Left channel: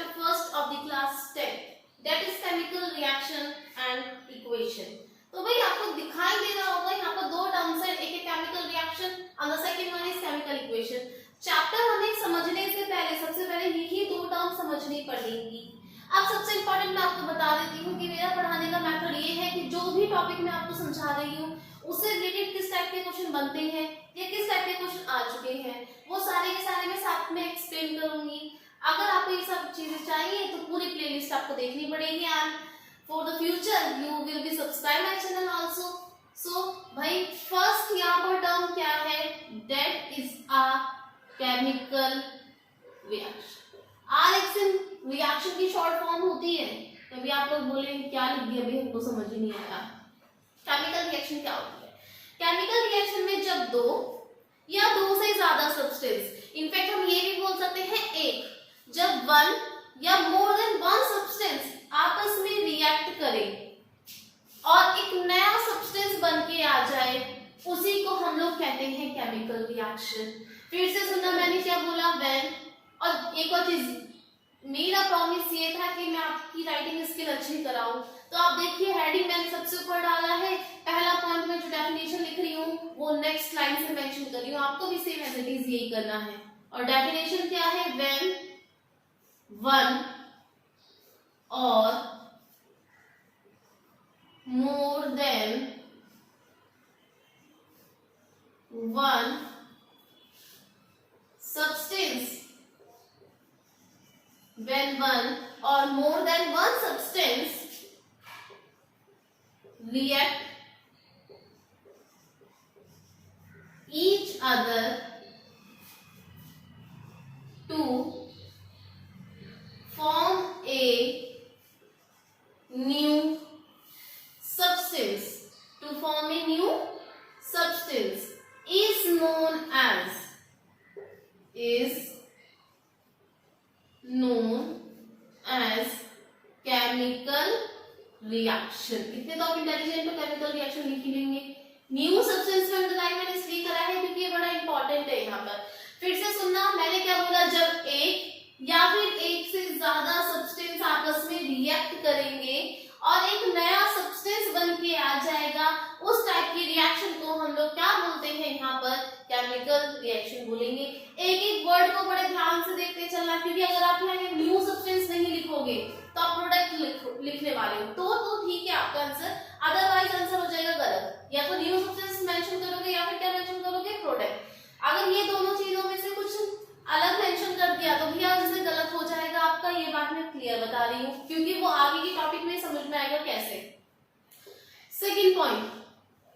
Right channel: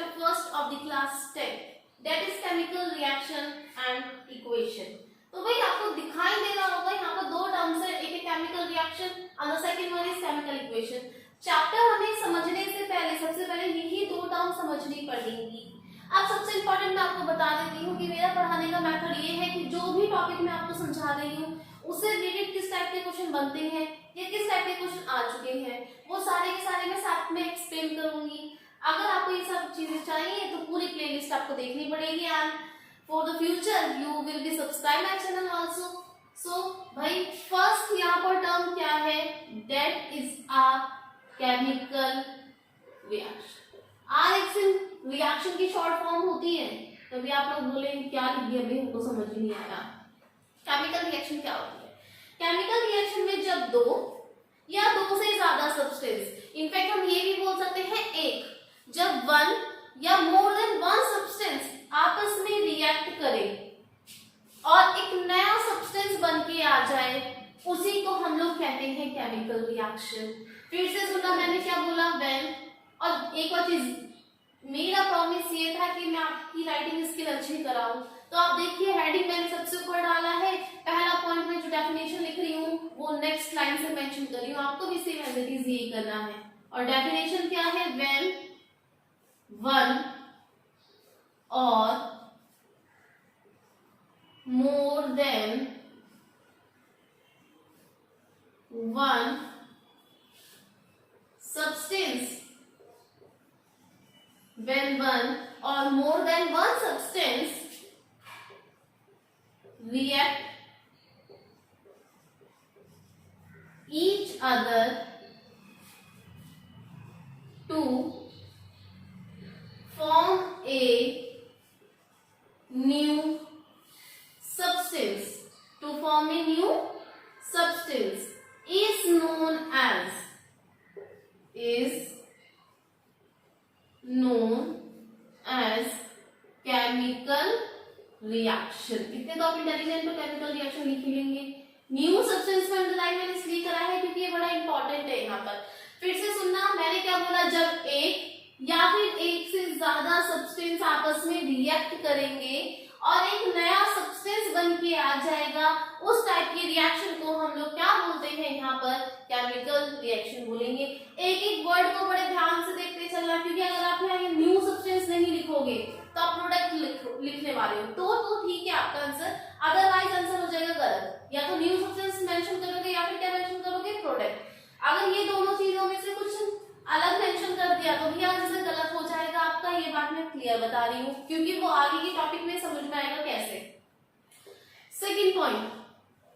chapter first of the class 10, that is chemical reaction and equation. तो भाई आपको दिखाई दे रहा होगा यहाँ पर दो टर्म्स है, एक है केमिकल रिएक्शन और the second one is chemical equation. Chapter हमें समझने से पहले सबसे पहले यही दो टर्म समझनी पड़ेंगी. अब सबसे इंपॉर्टेंट मैं आपको बता देती हूँ कि मेरा पढ़ाने का मेथड ये है कि जो भी टॉपिक मैं आपको समझा रही हूँ उससे रिलेटेड किस टाइप के क्वेश्चन बनते हैं या किस टाइप के क्वेश्चन आ चुके हैं वो सारे के सारे मैं साथ में एक्सप्लेन करूंगी. अगर आपको ये सब चीजें चाहिए तो पूरी प्लेलिस्ट आपको देखनी पड़ेगी and for the future you will be subscribe my channel also. So भाई फर्स्ट यहाँ पर टर्म क्या है, that is a chemical reaction. Reaction की शॉर्ट फॉर्म होती है. तभी आप लोग बोले क्या लिख दिया, अभी हमको समझ ही नहीं आया. केमिकल रिएक्शन क्या होती है? केमिकल रिएक्शन में जब दो या दो से ज्यादा सब्सटेंस, इनफैक्ट हम ये भी बोल सकते हैं एक, जब वन या मोर देन वन सब्सटेंस आपस में रिएक्ट करें और एक नया सब्सटेंस बन के आ जाए, उसी को हम लोग कहते हैं केमिकल रिएक्शन. फिर से सुना मैंने क्या बोला, व्हेन. और एक और चीज, मेरा प्रॉमिस ये था कि मैं आपकी राइटिंग स्किल अच्छी कराऊं. तो आप देखिए हेडिंग मैंने सबसे ऊपर डाला है, पहला पॉइंट में जो डेफिनेशन लिख रही हूँ वो नेक्स्ट लाइन से मेंशन कर रही हूँ. आपको भी सेम एज इट इज यही करना है. और डेफिनेशन क्या है, व्हेन वन और more than one substance, when one or more than one substance react each other to form a new substance, is known as chemical reaction. इतने तो आप इंटेलिजेंट तो केमिकल रिएक्शन लिख ही लेंगे. न्यू सब्सटेंस में underline मैंने इसलिए करा है क्योंकि ये बड़ा इंपॉर्टेंट है यहाँ पर. फिर से सुनना, मैंने क्या बोला, जब एक या फिर एक से ज्यादा सब्सटेंस आपस में रिएक्ट करेंगे और एक नया सब्सटेंस बन के आ जाएगा, उस टाइप की रिएक्शन को हम लोग क्या बोलते हैं, यहाँ पर केमिकल रिएक्शन बोलेंगे. एक एक वर्ड को बड़े ध्यान से देखते चलना, क्योंकि अगर आप यहाँ ये न्यू सब्सटेंस नहीं लिखोगे तो आप प्रोडक्ट लिखने वाले हो तो ठीक है आपका आंसर, अदरवाइज आंसर हो जाएगा गलत. या तो न्यू सब्सटेंस मेंशन करोगे या फिर क्या मेंशन करोगे, प्रोडक्ट. अगर ये दोनों चीजों में से कुछ अलग मेंशन कर दिया तो भी आंसर गलत हो जाएगा आपका. ये बात मैं क्लियर बता रही हूँ क्योंकि वो आगे के टॉपिक में समझ में आएगा कैसे. सेकंड पॉइंट,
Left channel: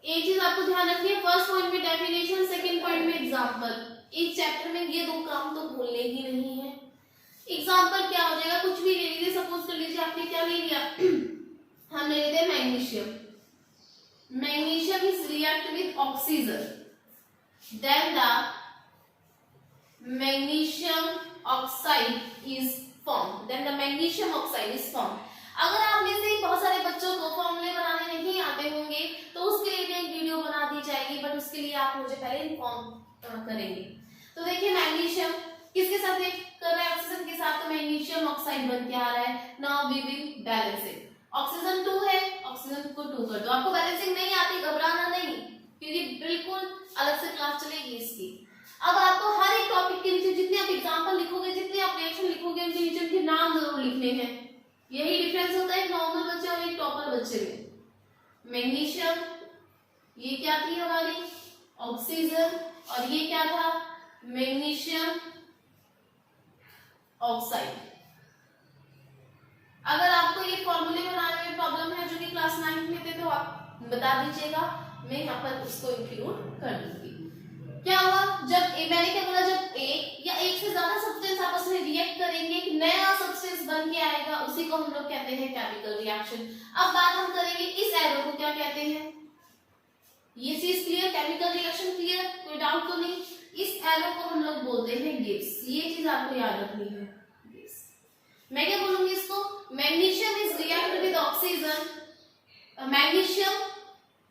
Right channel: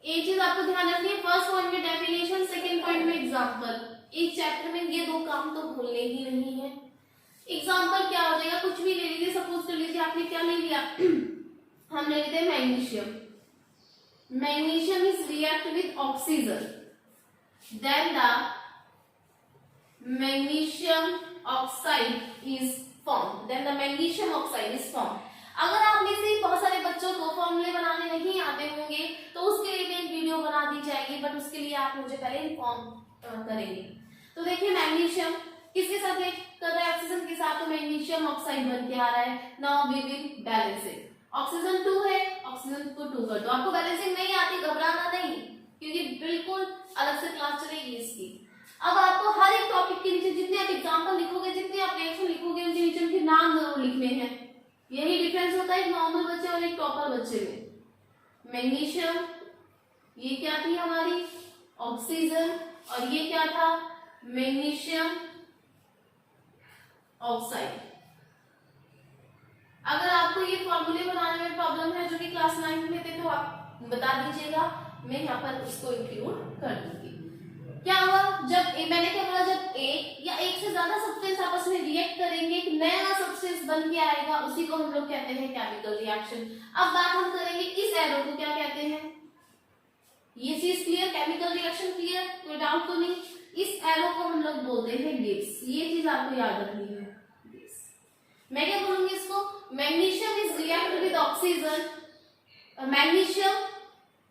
एक चीज आपको ध्यान रखनी है, फर्स्ट पॉइंट में डेफिनेशन, सेकंड पॉइंट में एग्जांपल. एक चैप्टर में ये दो काम तो भूलने ही नहीं है. एग्जांपल क्या हो जाएगा, कुछ भी ले लीजिए. सपोज कर लीजिए आपने क्या ले लिया, हम ले लेते हैं magnesium. Magnesium is react with oxygen, then the magnesium oxide is formed. Then the magnesium oxide is formed. अगर आप में से बहुत सारे बच्चों को फॉर्मूले बनाने नहीं आते होंगे तो उसके लिए एक वीडियो बना दी जाएगी, बट उसके लिए आप मुझे पहले इन्फॉर्म करेंगे. तो देखिए मैग्नीशियम किसके साथ रिएक्ट कर रहा है, ऑक्सीजन के साथ, तो मैग्नीशियम ऑक्साइड बन के आ रहा है. Now we will balance it. Oxygen 2 है, ऑक्सीजन को 2 कर दो. आपको बैलेंसिंग नहीं आती, घबराना नहीं, क्योंकि बिल्कुल अलग से क्लास चलेगी इसकी. अब आपको हर एक टॉपिक के नीचे जितने आप एग्जांपल लिखोगे, जितने आप रिएक्शन लिखोगे, उनके नीचे उनके नाम जरूर लिखने हैं. यही डिफरेंस होता है एक नॉर्मल बच्चे और एक टॉपर बच्चे में. मैग्नीशियम, ये क्या थी हमारी ऑक्सीजन, और ये क्या था मैग्नीशियम ऑक्साइड. अगर आपको ये फॉर्मूले बनाने में प्रॉब्लम है जो कि क्लास 9 में थे तो आप बता दीजिएगा, मैं यहाँ पर उसको इंक्लूड कर दूंगी. क्या हुआ, जब मैंने क्या बोला, जब एक या एक से ज्यादा सब्सटेंस आपस में रिएक्ट करेंगे, एक नया सब्सटेंस बन के आएगा, उसी को हम लोग कहते हैं केमिकल रिएक्शन. अब बात हम करेंगे इस एरो को क्या कहते हैं. ये चीज क्लियर, केमिकल रिएक्शन क्लियर, कोई डाउट तो नहीं. इस एरो को हम लोग बोलते हैं गिब्स. ये चीज आपको याद रखनी है. मैं क्या बोलूंगी इसको, magnesium is react with oxygen, magnesium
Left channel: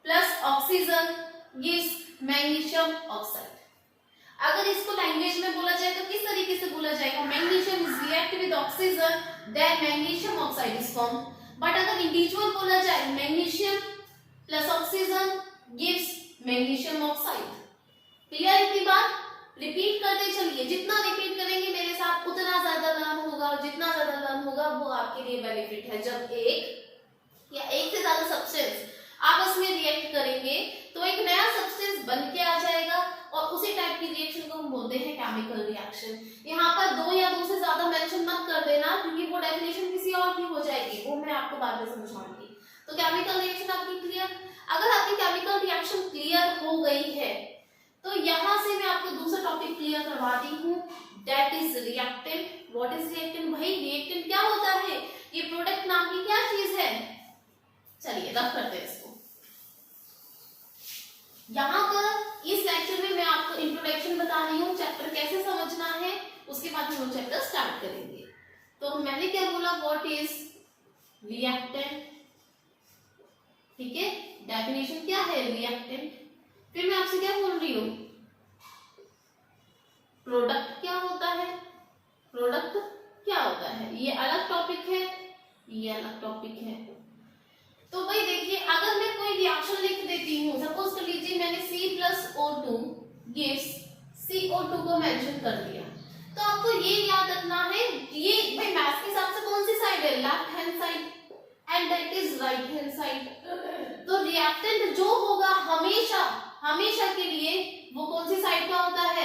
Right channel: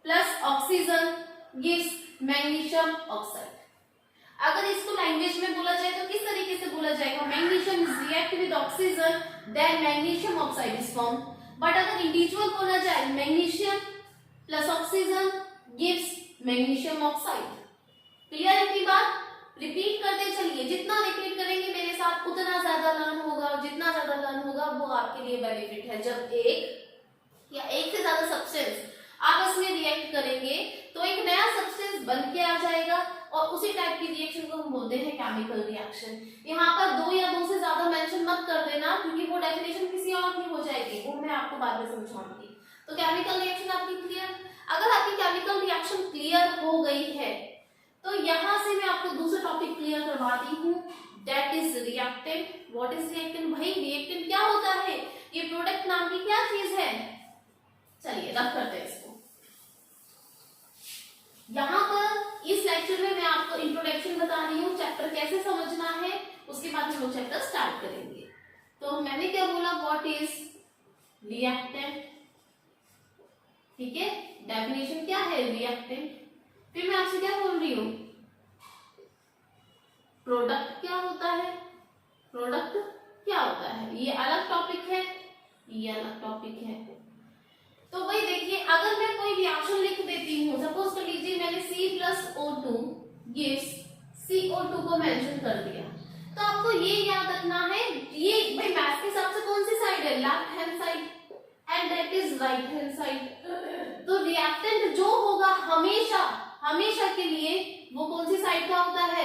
plus oxygen gives magnesium oxide. अगर इसको लैंग्वेज में बोला जाए तो किस तरीके से बोला जाएगा, magnesium is react with oxygen then magnesium oxide is form. But अगर इंडिविजुअल बोला जाए magnesium plus oxygen gives magnesium oxide. Clear है की बात? रिपीट करते चलिए, जितना रिपीट करेंगे मेरे साथ उतना ज्यादा लर्न होगा, और जितना ज्यादा लर्न होगा वो आपके लिए बेनिफिट है। जब एक या एक से ज्यादा सब्सटेंस आपस में रिएक्ट करेंगे तो एक नया सब्सटेंस बन के आ जाएगा, और उसी टाइप की रिएक्शन को हम बोलते हैं केमिकल रिएक्शन। यहाँ पर दो या दो से ज्यादा मेंशन मत कर देना, क्योंकि वो डेफिनेशन किसी और की हो जाएगी, वो मैं आपको बाद में समझाऊंगी। तो केमिकल रिएक्शन आपकी क्लियर? अगर आपकी केमिकल रिएक्शन क्लियर हो गई है तो यहाँ से मैं आपको दूसरा टॉपिक क्लियर करवाती हूँ, that is reactant. What is reactant? भाई रिएक्टेंट क्या होता है? ये प्रोडक्ट नाम की क्या चीज है? चलिए रब करते हैं इसको। यहाँ पर इस लेक्चर में मैं आपको इंट्रोडक्शन बता रही हूँ, चैप्टर कैसे समझना है, उसके बाद हम लोग चैप्टर स्टार्ट करेंगे। तो मैंने क्या बोला, व्हाट इज रिएक्टेंट, ठीक है, डेफिनेशन क्या है रिएक्टेंट। फिर मैं आपसे क्या बोल रही हूँ, प्रोडक्ट क्या होता है, प्रोडक्ट क्या होता है। ये अलग टॉपिक है, ये अलग टॉपिक है। तो भाई देखिए, अगर मैं कोई रिएक्शन लिख देती हूँ, सपोज कर लीजिए मैंने C+O2 गिव्स CO2 को मेंशन कर दिया, तो आपको ये याद रखना है, ये भाई मैथ्स के हिसाब से कौन सी साइड है, left hand side, and that is right hand side. तो रिएक्टेंट जो होगा हमेशा हमेशा के लिए वो कौन सी साइड का होता है,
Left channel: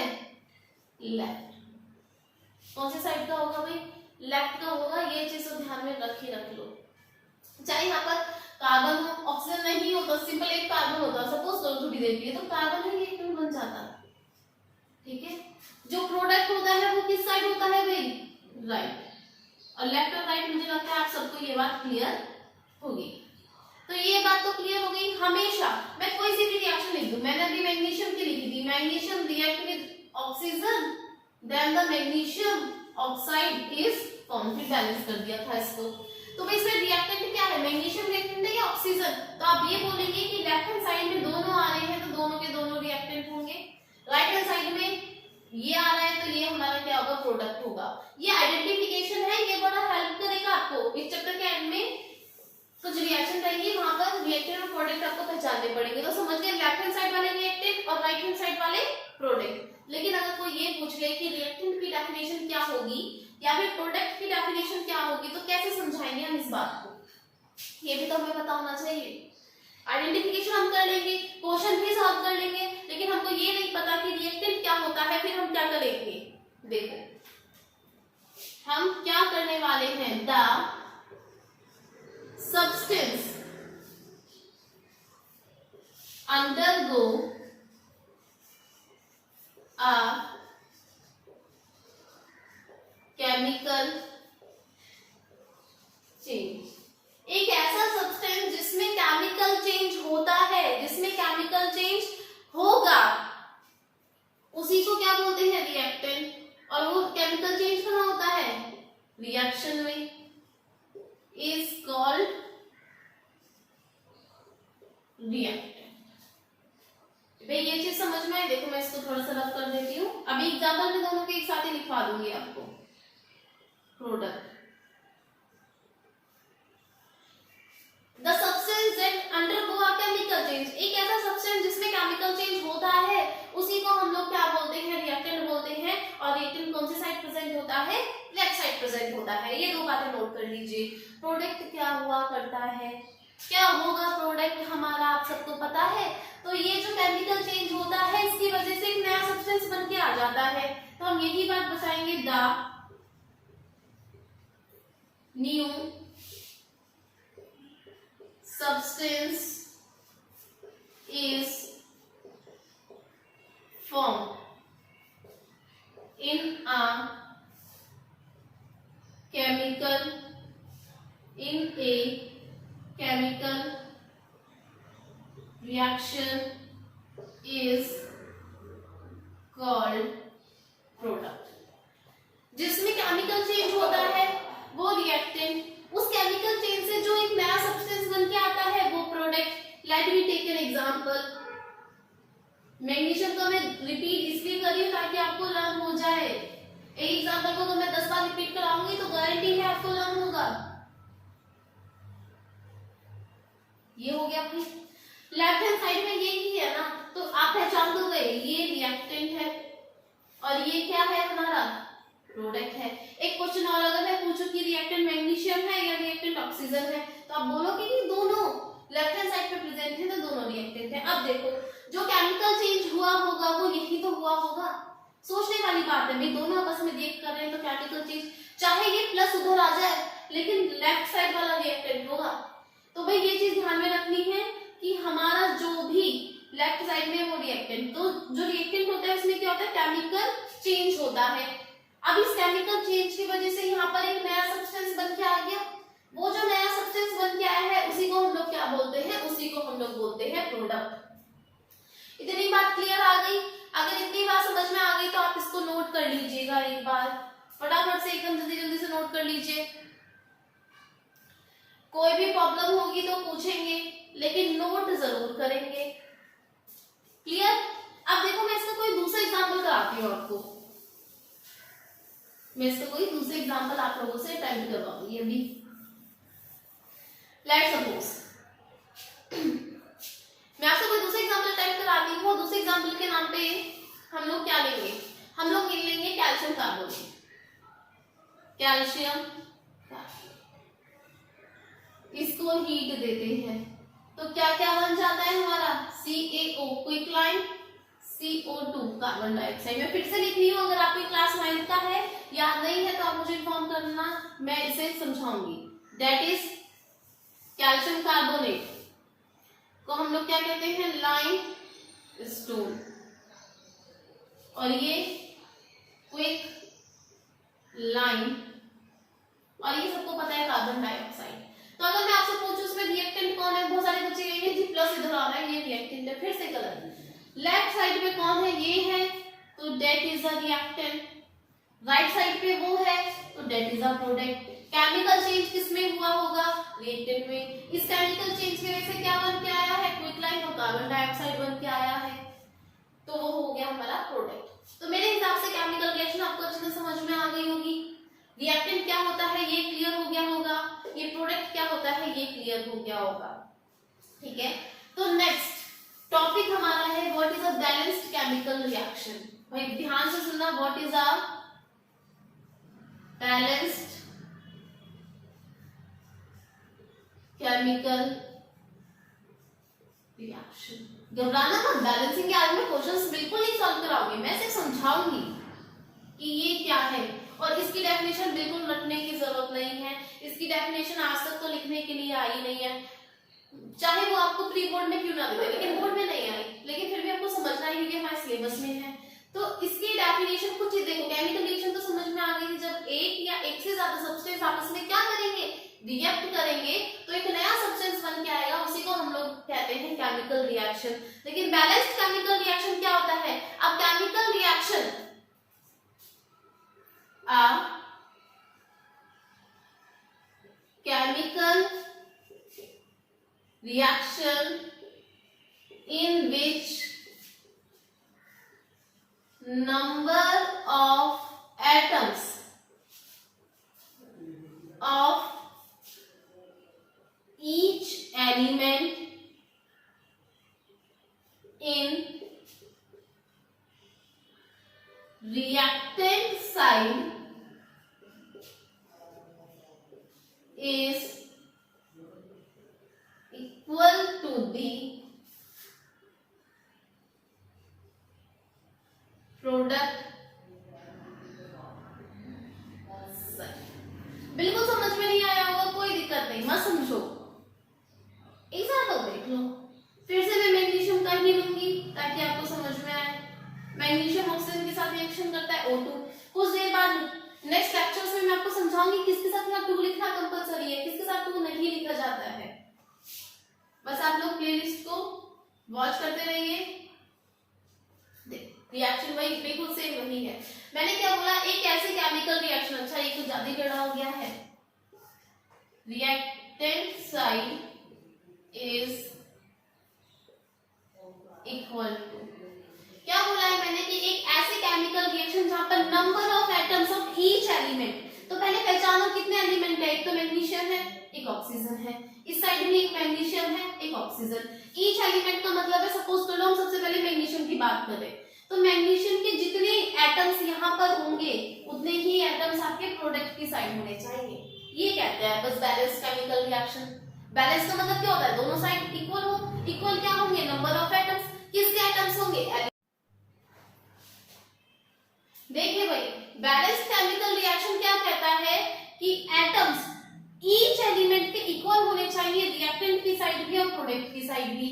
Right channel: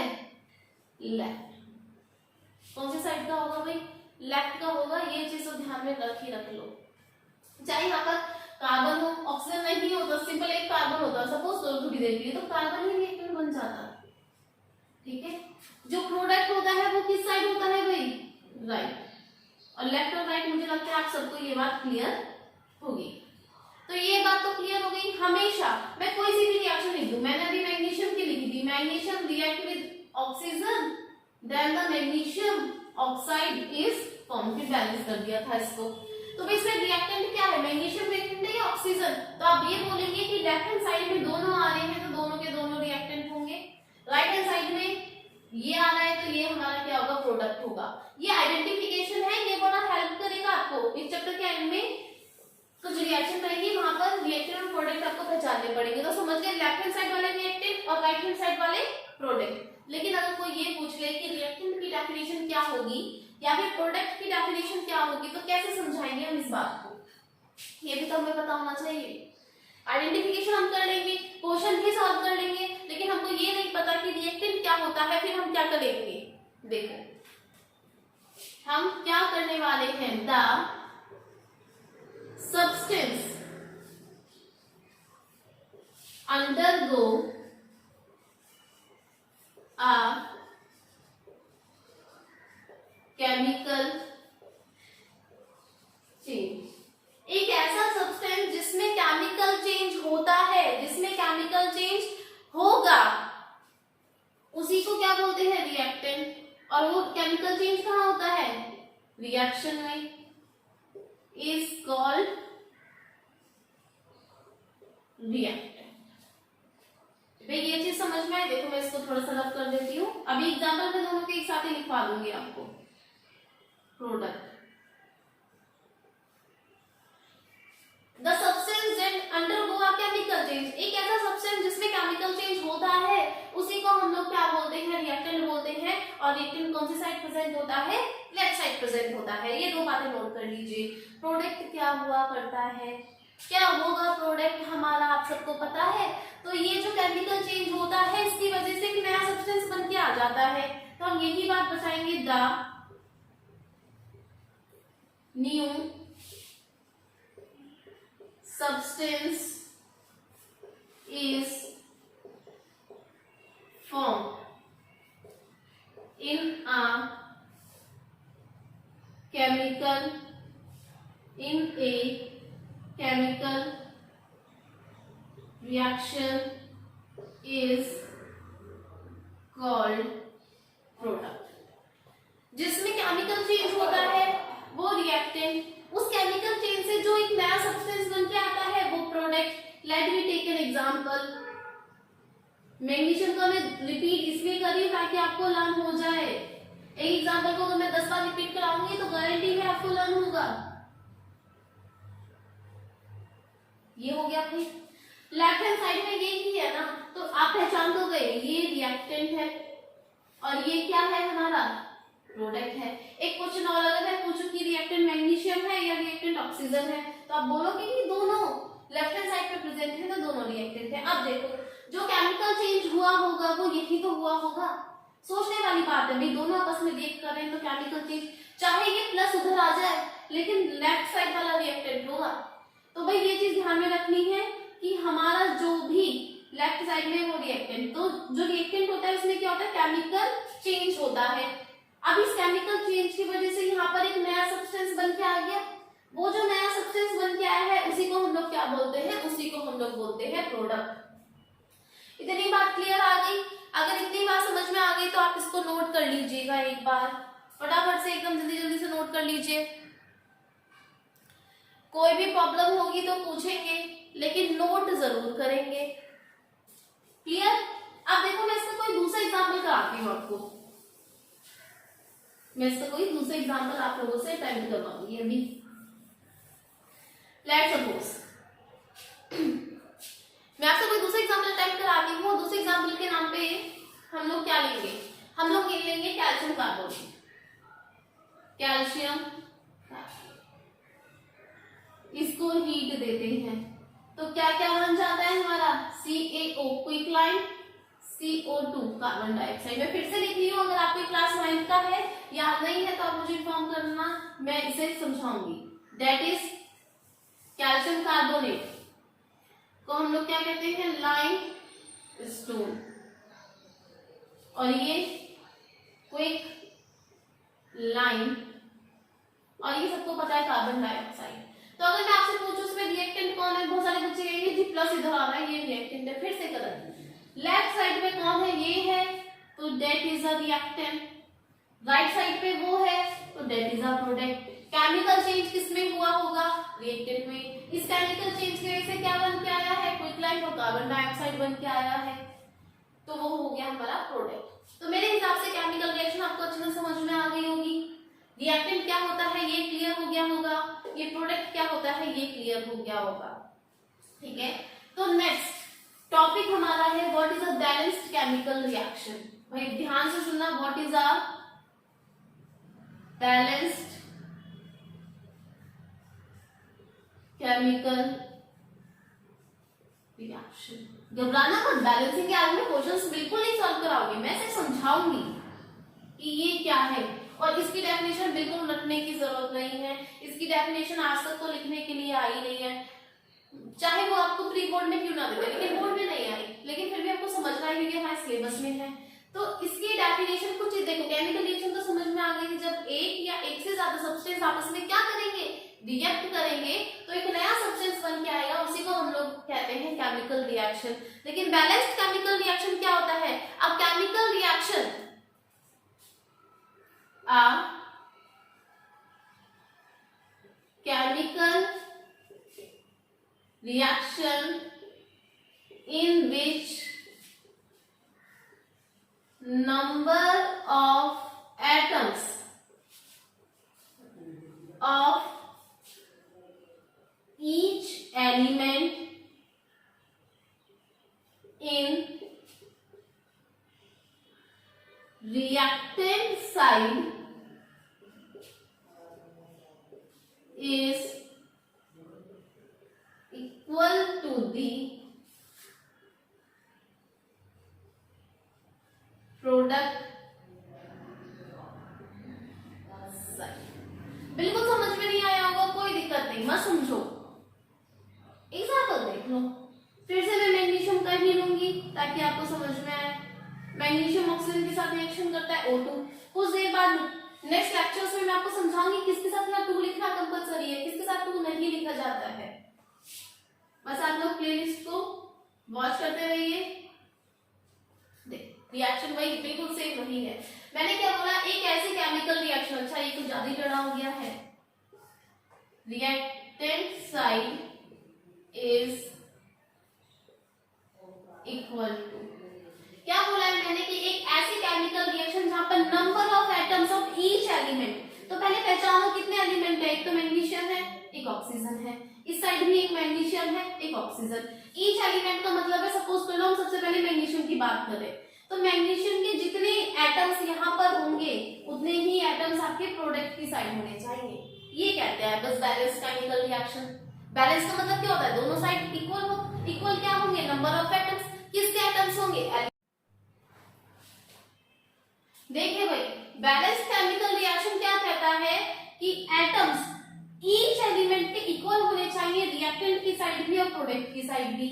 लेफ्ट। कौन सी साइड का होगा भाई, लेफ्ट का होगा। ये चीज तो ध्यान में रख लो। चाहे यहाँ पर कार्बन हो, ऑक्सीजन नहीं हो तो सिंपल एक कार्बन होता, सपोज थोड़ी देर के लिए, तो कार्बन ही रिएक्टेंट बन जाता, ठीक है। जो प्रोडक्ट होता है वो किस साइड होता है भाई, राइट। और लेफ्ट और राइट मुझे लगता है आप सबको ये बात क्लियर होगी। तो ये बात तो क्लियर हो गई। हमेशा मैं कोई सी भी रिएक्शन लिख दूं, मैंने अभी मैग्नीशियम की लिखी थी, magnesium react with oxygen then the magnesium oxide is form, फिर बैलेंस कर दिया था इसको। तो इसमें रिएक्टेंट क्या है, मैग्नीशियम रिएक्टेंट है या ऑक्सीजन। तो आप ये बोलेंगे कि लेफ्ट हैंड साइड में दोनों आ रहे हैं तो दोनों के दोनों रिएक्टेंट होंगे, राइट हैंड साइड में ये आ रहा है तो ये हमारा क्या होगा, प्रोडक्ट होगा। ये आइडेंटिफिकेशन है, ये बड़ा हेल्प करेगा आपको। इस चैप्टर के एंड में कुछ रिएक्शन रहेगी, वहां पर रिएक्टेंट और प्रोडक्ट आपको पहचानने पड़ेंगे। तो समझ गए, लेफ्ट हैंड साइड वाले रिएक्टेंट और राइट हैंड साइड वाले प्रोडक्ट। लेकिन अगर कोई ये पूछ ले कि रिएक्टेंट की डेफिनेशन क्या होगी या फिर प्रोडक्ट की डेफिनेशन क्या होगी, तो कैसे समझाएंगे हम इस बात को, ये भी तो हमें पता होना चाहिए। आइडेंटिफिकेशन हम कर लेंगे, क्वेश्चन भी सॉल्व कर लेंगे, लेकिन हमको ये नहीं पता कि रिएक्टेंट क्या होता है, फिर हम क्या करेंगे। देखो हम क्या करने वाले हैं, the substance undergo a chemical change। एक ऐसा सब्सटेंस जिसमें केमिकल चेंज होता है, जिसमें केमिकल चेंज होगा, उसी को क्या बोलते हैं, रिएक्टेंट। और वो केमिकल चेंज कहाँ होता है, रिएक्शन में, is called reactant। भाई ये चीज समझ में आए। देखो मैं इसको थोड़ा सा रफ कर देती हूँ, अभी एग्जाम्पल में दोनों के एक साथ ही लिखवा दूंगी आपको। Product, the substance that undergo a chemical change. एक ऐसा सब्सटेंस जिसमें केमिकल चेंज होता है, उसी को हम लोग क्या बोलते हैं, रिएक्टेंट बोलते हैं। और रिएक्टेंट कौन सी साइड प्रेजेंट होता है, लेफ्ट साइड प्रेजेंट होता है। ये दो बातें नोट कर लीजिए। प्रोडक्ट क्या हुआ करता है, क्या होगा प्रोडक्ट हमारा, आप सबको पता है। तो ये जो केमिकल चेंज होता है, इसकी वजह से एक नया सब्सटेंस बन के आ जाता है। तो हम यही बात बताएंगे, the new substance is formed in a chemical reaction is called product। जिसमें केमिकल चेंज होता है वो रिएक्टेंट, उस केमिकल चेंज से जो एक नया सब्सटेंस बन के आता है वो product. Let me take an example. Magnesium का मैं रिपीट इसलिए कर रही हूँ ताकि आपको लर्न हो जाए। एक एग्जांपल को अगर मैं 10 बार रिपीट कराऊंगी तो गारंटी है आपको लर्न होगा। ये हो गया अपनी लेफ्ट हैंड साइड में ये ही है ना, तो आप पहचान तो गए ये रिएक्टेंट है और ये क्या है हमारा प्रोडक्ट है। एक क्वेश्चन और अगर मैं पूछूं कि रिएक्टेंट मैग्नीशियम है या रिएक्टेंट ऑक्सीजन है, तो आप बोलोगे कि दोनों लेफ्ट हैंड साइड पे प्रेजेंट है तो दोनों रिएक्टेंट है। अब देखो जो केमिकल चेंज हुआ होगा वो यही तो हुआ होगा। सोचने वाली बात है भाई, दोनों आपस में रिएक्ट कर रहे हैं तो केमिकल चेंज, चाहे ये प्लस उधर आ जाए लेकिन लेफ्ट साइड वाला रिएक्टेंट होगा। तो भाई ये चीज ध्यान में रखनी है कि हमारा जो भी लेफ्ट साइड में वो रिएक्टेंट, तो जो रिएक्टेंट होता है उसमें क्या होता है केमिकल चेंज होता है। अब इस केमिकल चेंज की वजह से यहाँ पर एक नया सब्सटेंस बन के आ गया। वो जो नया सब्सटेंस बन के आया है उसी को हम लोग क्या बोलते हैं, उसी को हम लोग बोलते हैं प्रोडक्ट। इतनी बात क्लियर आ गई? अगर इतनी बात समझ में आ गई तो आप इसको नोट कर लीजिएगा एक बार, फटाफट से एकदम जल्दी जल्दी से नोट कर लीजिए। कोई भी प्रॉब्लम होगी तो पूछेंगे लेकिन नोट जरूर करेंगे। क्लियर? अब देखो मैं इसका कोई दूसरा एग्जांपल कराती हूँ आपको। मैं इसका कोई दूसरा एग्जांपल आप लोगों से अटेम्प्ट करवाऊंगी अभी। लेट्स सपोज मैं आपसे कोई दूसरा एग्जांपल अटेम्प्ट कराती हूँ। दूसरे एग्जांपल के नाम पे हम लोग क्या लेंगे, हम लोग लेंगे कैल्शियम कार्बोनेट। कैल्शियम इसको हीट देते हैं तो क्या क्या बन जाता है हमारा CaO क्विकलाइन, CO2 कार्बन डाइऑक्साइड। मैं फिर से लिख रही हूँ, अगर आपकी क्लास 9 का है याद नहीं है तो आप मुझे इन्फॉर्म करना, मैं इसे समझाऊंगी। दैट इज कैल्शियम कार्बोनेट को हम लोग क्या कहते हैं, लाइम स्टोन, और ये क्विक लाइम, और ये सबको पता है कार्बन डाइऑक्साइड। तो अगर मैं आपसे पूछूं इसमें रिएक्टेंट कौन है, बहुत सारे बच्चे कहेंगे जी प्लस इधर आ रहा है ये रिएक्टेंट है। फिर से गलत, लेफ्ट साइड में कौन है, ये है तो that is a reactant, right side पे वो है तो that is a product. Chemical change किसमें हुआ होगा, रिएक्टेंट में। इस केमिकल चेंज की वजह से क्या बन के आया है, क्विकलाइन और कार्बन डाइऑक्साइड बन के आया है, तो वो हो गया हमारा प्रोडक्ट। तो मेरे हिसाब से केमिकल रिएक्शन आपको अच्छे से समझ में आ गई होगी। रिएक्टेंट क्या होता है ये क्लियर हो गया होगा, ये प्रोडक्ट क्या होता है ये क्लियर हो गया होगा। ठीक है, तो नेक्स्ट टॉपिक हमारा है what is a balanced chemical reaction. भाई ध्यान से सुनना, what is a balanced chemical reaction. घबराना मत, बैलेंसिंग के आगे में क्वेश्चंस बिल्कुल नहीं सॉल्व कराऊंगी, मैं सिर्फ समझाऊंगी कि ये क्या है, और इसकी डेफिनेशन बिल्कुल रटने की जरूरत नहीं है। इसकी डेफिनेशन आज तक तो लिखने के लिए आई नहीं है, चाहे वो आपको प्री बोर्ड में क्यों ना दे, लेकिन बोर्ड में नहीं आई, लेकिन फिर भी आपको समझना है क्योंकि हमारे सिलेबस में है। तो इसकी डेफिनेशन कुछ देखो, केमिकल रिएक्शन तो समझ में आ गई, जब एक या एक से ज्यादा सब्सटेंस आपस में क्या करेंगे, रिएक्ट करेंगे तो एक नया सब्सटेंस बन के आएगा, उसी को हम लोग कहते हैं केमिकल रिएक्शन। लेकिन बैलेंस्ड केमिकल रिएक्शन क्या होता है, अब chemical reaction chemical reaction in which number of atoms of each element in reactant side is equal to the product side। बिल्कुल समझ में नहीं आया होगा, कोई दिक्कत नहीं, मत समझो, एग्जाम्पल देख लो। फिर से मैं मैग्नीशियम का ही लूंगी ताकि आपको समझ में आए। मैग्नीशियम ऑक्सीजन के साथ रिएक्शन करता है O2। कुछ देर बाद नेक्स्ट लेक्चर्स में मैं आपको समझाऊंगी किसके साथ यहाँ 2 लिखना कंपलसरी है, किसके साथ 2 नहीं लिखा जाता है। बस आप लोग प्लेलिस्ट को वॉच करते रहिए। रिएक्शन वही बिल्कुल सेम वही है। मैंने क्या बोला, एक ऐसी केमिकल रिएक्शन, अच्छा ये तो ज्यादा ही टेढ़ा हो गया है, reactant side is equal to, क्या बोला है मैंने कि एक ऐसी chemical reaction number of atoms of each element. तो पहले पहचानो कितने एलिमेंट है, एक तो मैग्नीशियम है, एक ऑक्सीजन है, इस साइड भी एक मैग्नीशियम है, एक ऑक्सीजन। ईच एलिमेंट का मतलब है, सपोज कर लो हम सबसे पहले मैग्नीशियम की बात करें, तो मैग्नीशियम के जितने एटम्स यहाँ पर होंगे उतने ही एटम्स आपके प्रोडक्ट की साइड होने चाहिए। ये कहते हैं बस बैलेंस केमिकल रिएक्शन। बैलेंस का मतलब क्या होता है, दोनों साइड इक्वल हो। इक्वल क्या होंगे, नंबर ऑफ एटम्स। किसके एटम्स होंगे, देखिए भाई बैलेंस केमिकल रिएक्शन क्या कहता है कि एटम्स ईच एलिमेंट के इक्वल होने चाहिए, रिएक्टेंट की साइड भी और प्रोडक्ट की साइड भी।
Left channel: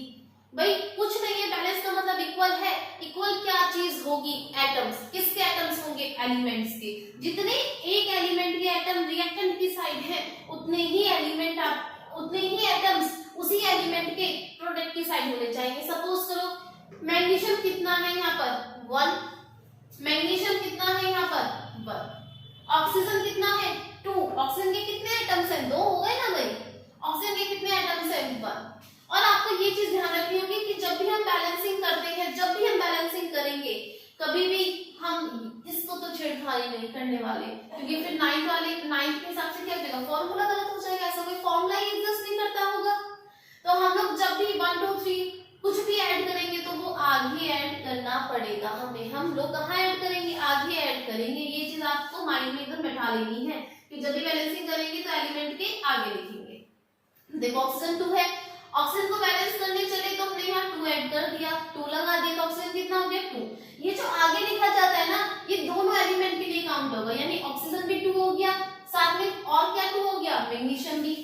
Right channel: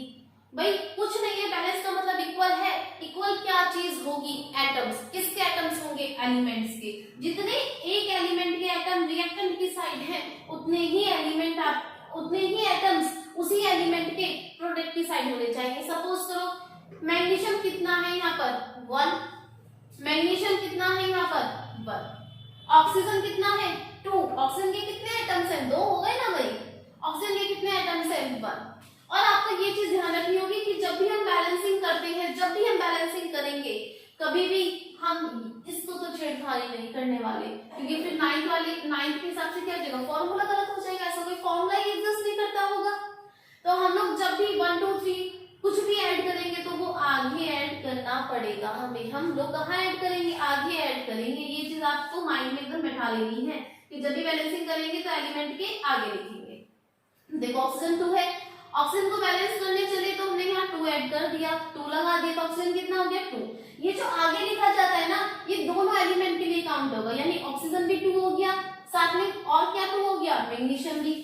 भाई कुछ नहीं है, बैलेंस का मतलब इक्वल है। इक्वल क्या चीज होगी, एटम्स। किसके एटम्स होंगे, एलिमेंट्स के। जितने एक एलिमेंट के एटम रिएक्टेंट की साइड है उतने ही एटम्स उसी एलिमेंट के प्रोडक्ट की साइड होने चाहिए। सपोज करो मैग्नीशियम कितना है यहाँ पर 1, मैग्नीशियम कितना है यहाँ पर 1, ऑक्सीजन कितना है 2, ऑक्सीजन के कितने एटम्स हैं, 2 हो गए ना भाई। ऑक्सीजन के कितने एटम्स हैं 1। और आपको ये चीज ध्यान रखनी होगी कि जब भी हम बैलेंसिंग करते हैं, जब भी हम बैलेंसिंग करेंगे, कभी भी हम इसको तो छेड़खानी नहीं करने वाले, क्योंकि फिर 9th के हिसाब से क्या हो जाएगा, फॉर्मूला गलत हो जाएगा। ऐसा कोई फॉर्मूला ही एग्जिस्ट नहीं करता होगा। तो हम लोग जब भी 1 2 3 कुछ भी ऐड करेंगे तो वो आगे ऐड करना पड़ेगा हमें। हम लोग कहाँ ऐड करेंगे, आगे ऐड करेंगे। ये चीज आपको माइंड में एकदम बैठा लेनी है कि जब भी बैलेंसिंग करेंगे तो एलिमेंट के आगे लिखेंगे। देखो ऑक्सीजन 2 है, ऑक्सीजन को बैलेंस करने चले तो हमने यहाँ 2 ऐड कर दिया, 2 लगा दिया, तो ऑक्सीजन कितना हो गया 2। ये जो आगे लिखा जाता है ना, ये दोनों एलिमेंट के लिए काउंट होगा, यानी ऑक्सीजन भी 2 हो गया, साथ में और क्या 2 हो गया, मैग्नीशियम भी।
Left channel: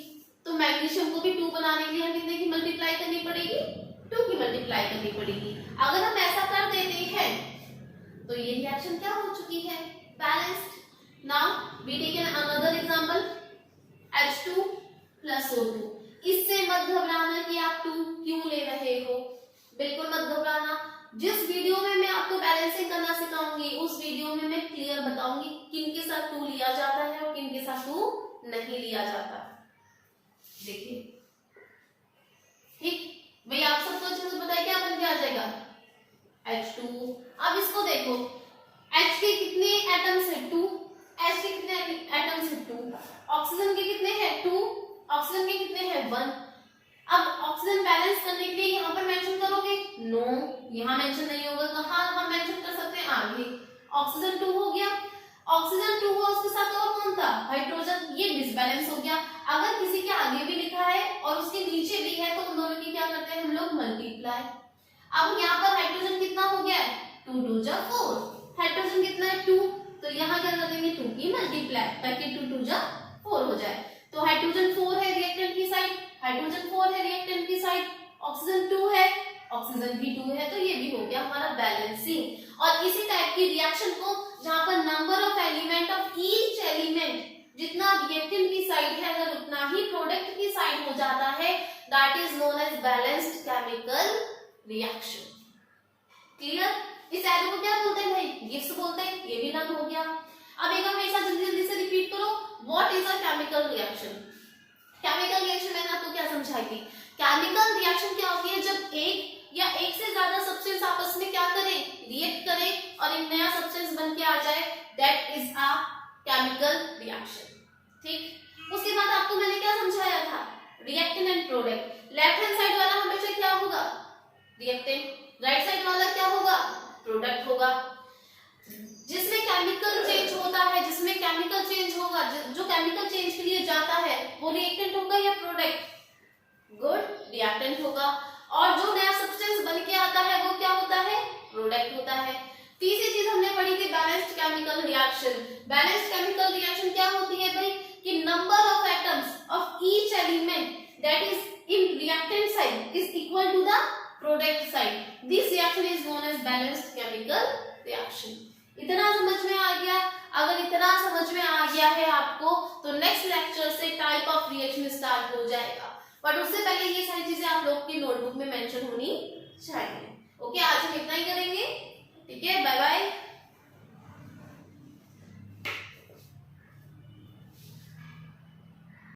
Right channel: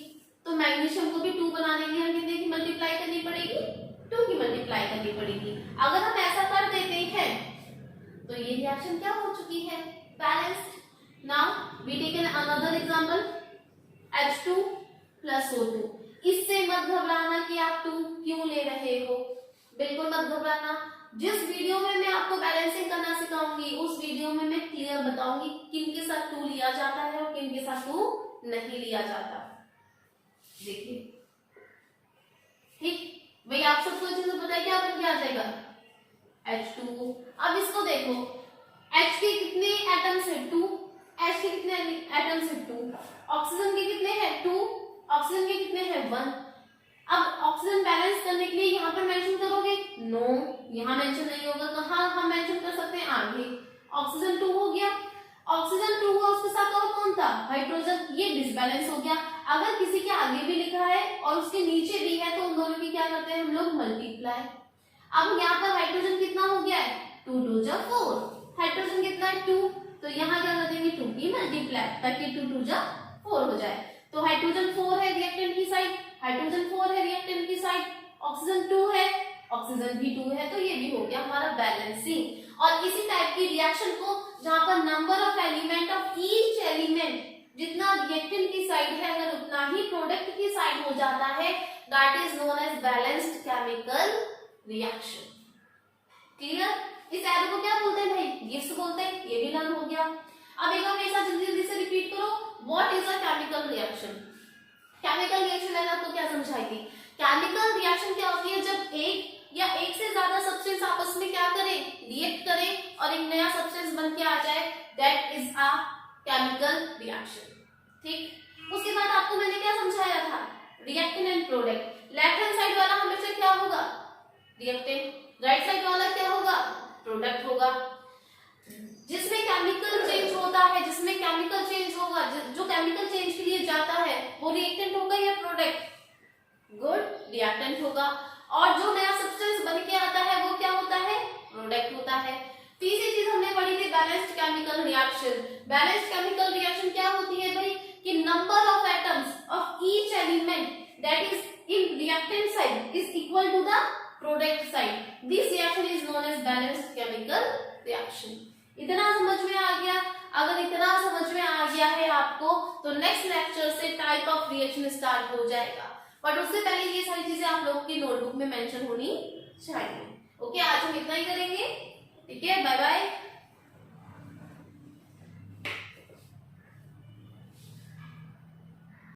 तो मैग्नीशियम को भी 2 बनाने के लिए हमें कितने की मल्टीप्लाई करनी पड़ेगी, 2 की मल्टीप्लाई करनी पड़ेगी। अगर हम ऐसा कर देते हैं तो ये रिएक्शन क्या हो चुकी है, balanced. Now we take an another example, H2 + O2। इससे मत घबराना कि आप 2 क्यों ले रहे हो, बिल्कुल मत घबराना। जिस वीडियो में मैं आपको बैलेंसिंग करना सिखाऊंगी उस वीडियो में मैं क्लियर बताऊंगी किन के साथ 2 लिया जाता है और किन के साथ 2 नहीं लिया जाता। देखिए ठीक भाई, आप सबको अच्छे से पता है क्या बन के आ जाएगा, H2। अब इसको देखो, H के कितने एटम्स है 2, H के कितने एटम्स है 2, ऑक्सीजन के कितने हैं 2, ऑक्सीजन के कितने हैं 1। अब ऑक्सीजन बैलेंस करने के लिए यहाँ पर मेंशन करोगे, नो यहाँ मेंशन नहीं होगा। कहाँ हम मेंशन कर सकते हैं, आगे। ऑक्सीजन 2 हो गया, ऑक्सीजन 2 हुआ, उसके साथ और कौन था, हाइड्रोजन। ये डिसबैलेंस हो गया। अगर किसी के आगे भी लिखा है और उसके नीचे भी है तो उन दोनों की क्या करते हैं हम लोग, मल्टीप्लाई। अब यहाँ पर हाइड्रोजन कितना हो गया है, 2 2 जा 4, हाइड्रोजन कितना है 2, तो यहाँ क्या कर देंगे 2 की मल्टीप्लाई, ताकि 2 2 जा 4 हो जाए। तो हाइड्रोजन 4 है रिएक्टेंट की साइड, हाइड्रोजन 4 है रिएक्टेंट की साइड, ऑक्सीजन 2 है, ऑक्सीजन भी 2 है, तो ये भी हो गया हमारा बैलेंसिंग। और इसी टाइप की रिएक्शन को जहां पर number of element of each element, जितना रिएक्टेंट की साइड है अगर उतना ही प्रोडक्ट की साइड हो जाता है, that is known as balanced chemical reaction. Clear. इस एरो को क्या बोलते हैं भाई, गिब्स बोलते हैं। ये भी डन हो गया। अब एक हमेशा जल्दी जल्दी से रिपीट करो, what is a chemical reaction. Chemical reaction मैंने आपको क्या समझाई थी, केमिकल रिएक्शन क्या होती है, जब एक या एक से ज्यादा सब्सटेंस आपस में क्या करें, रिएक्ट करें और एक नया सब्सटेंस बन के आ जाए, that is a chemical reaction. ठीक। उसके बाद आपको मैंने क्या समझाया था, reactant and product. Left hand side वाला हमेशा क्या होगा, रिएक्टेंट, राइट साइड वाला क्या होगा, प्रोडक्ट होगा। जिसमें केमिकल चेंज होता है, जिसमें केमिकल चेंज होगा, जो केमिकल चेंज के लिए जाता है वो रिएक्टेंट होगा या प्रोडक्ट, गुड, रिएक्टेंट होगा। और जो नया सब्सटेंस बन के आता है वो क्या होता है, प्रोडक्ट होता है। तीसरी चीज हमने पढ़ी थी balanced chemical reaction. Balanced chemical reaction क्या होती है भाई, कि number of atoms of each element that is in reactant side is equal to the product side. This reaction is known as balanced chemical reaction. इतना समझ में आ गया। अगर इतना समझ में आ गया है आपको तो नेक्स्ट लेक्चर से टाइप ऑफ रिएक्शन स्टार्ट हो जाएगा, बट उससे पहले ये सारी चीजें आप लोग की नोटबुक में मेंशन होनी चाहिए। ओके, आज हम इतना ही करेंगे। ठीक है, बाय बाय।